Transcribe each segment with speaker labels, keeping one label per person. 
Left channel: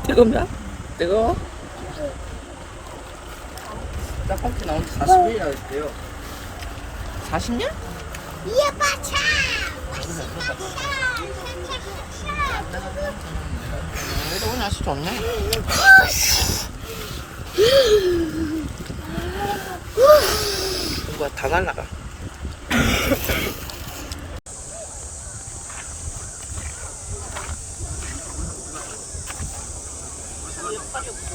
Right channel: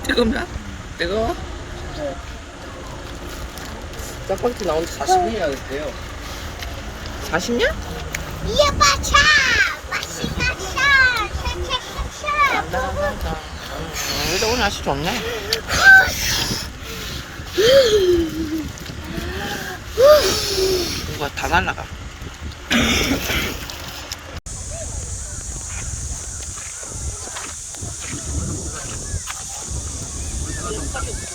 Speaker 1: 뜨겁나? 뜨거워? 짜파게티 나온 지 40분이나 됐대요. 40년?
Speaker 2: 이어봐차 맛있다 샤샤샤샤
Speaker 1: 그래도 오늘 날씨 좋네. 이거 다 날라가. 팔이 없어.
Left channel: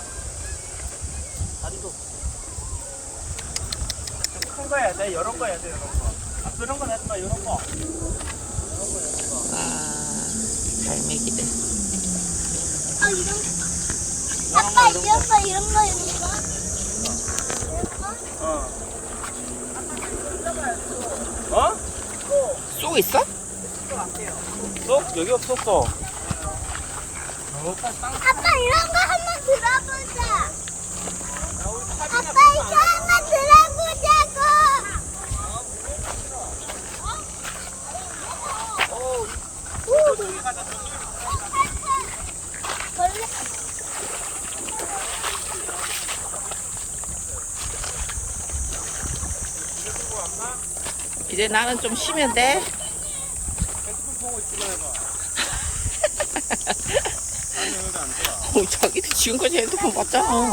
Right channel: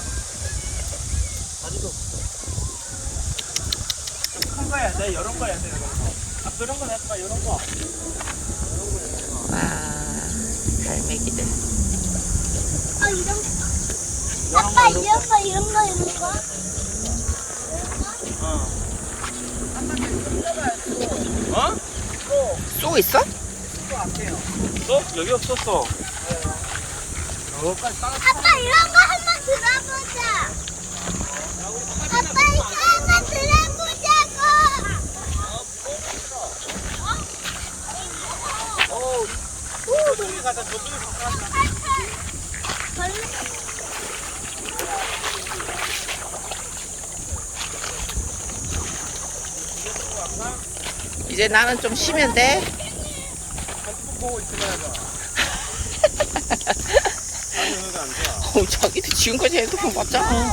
Speaker 1: 다리도 없어. 큰 거 해야 돼. 이런 거 해야 돼. 이런 거. 아, 그런 건 하지 마. 이런 거. 와, 갈매기들.
Speaker 2: 이런 거 아빠 이런 거 이런 거 이런 거
Speaker 1: 어? 쏘 있어? 있을 것 같아요. 쏘? 여기 없었어.
Speaker 2: 아빠 이런 거 한번 들어보자 아빠 이거 한번 들어보자고
Speaker 1: 저쪽에 가자. 저쪽에 가자. 이제 나는 좀 쉬면 돼. 핸드폰 보고 있으면 해봐. 아니, 여기가 안 좋아. 자기도 지금까지 핸드폰 봤잖아.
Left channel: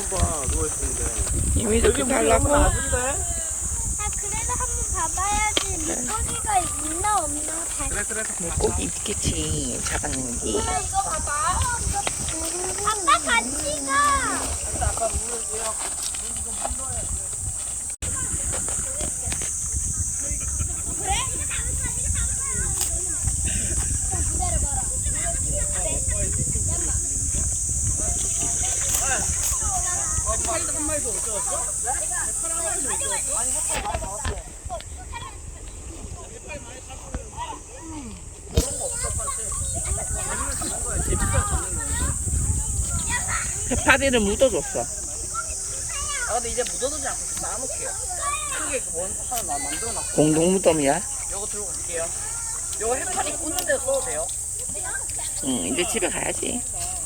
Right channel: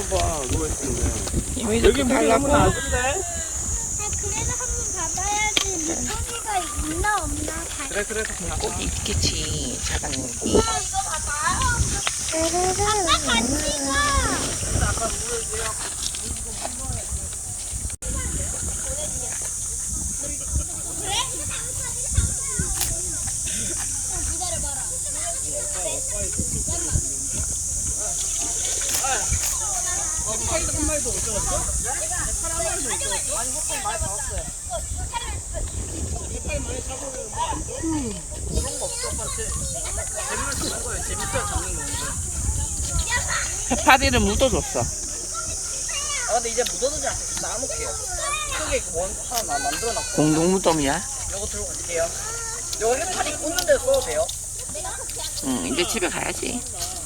Speaker 1: 이미도 그거 하려고?
Speaker 2: 아 그래도 한번 봐봐야지 물고기가 있나 없나
Speaker 1: 그래. 물고기 있겠지. 작은 게.
Speaker 2: 이거 봐봐요 아빠 같이 가
Speaker 1: 해파리도 한 마리도 못 잡았어? 해파리 한 마리도 못 잡았어? 아니, 해파리 많이 잡았어요. 해파리 많이 잡으면 뭐 안 줘? 그런 거 없어, 판체. 재미를 잡는 거예요. 재밌어야 잡는 거. 해파리를 묻어줬어. 아, 근데 이제 묻어두지 않고 쌓아놓을게요. 크게 원 하나 만들어놨고. 공동 무덤이야? 요거 들고 갈게요. 요거 해파리 꽂는 데 써도 돼요? 응, 이제 집에 가야지.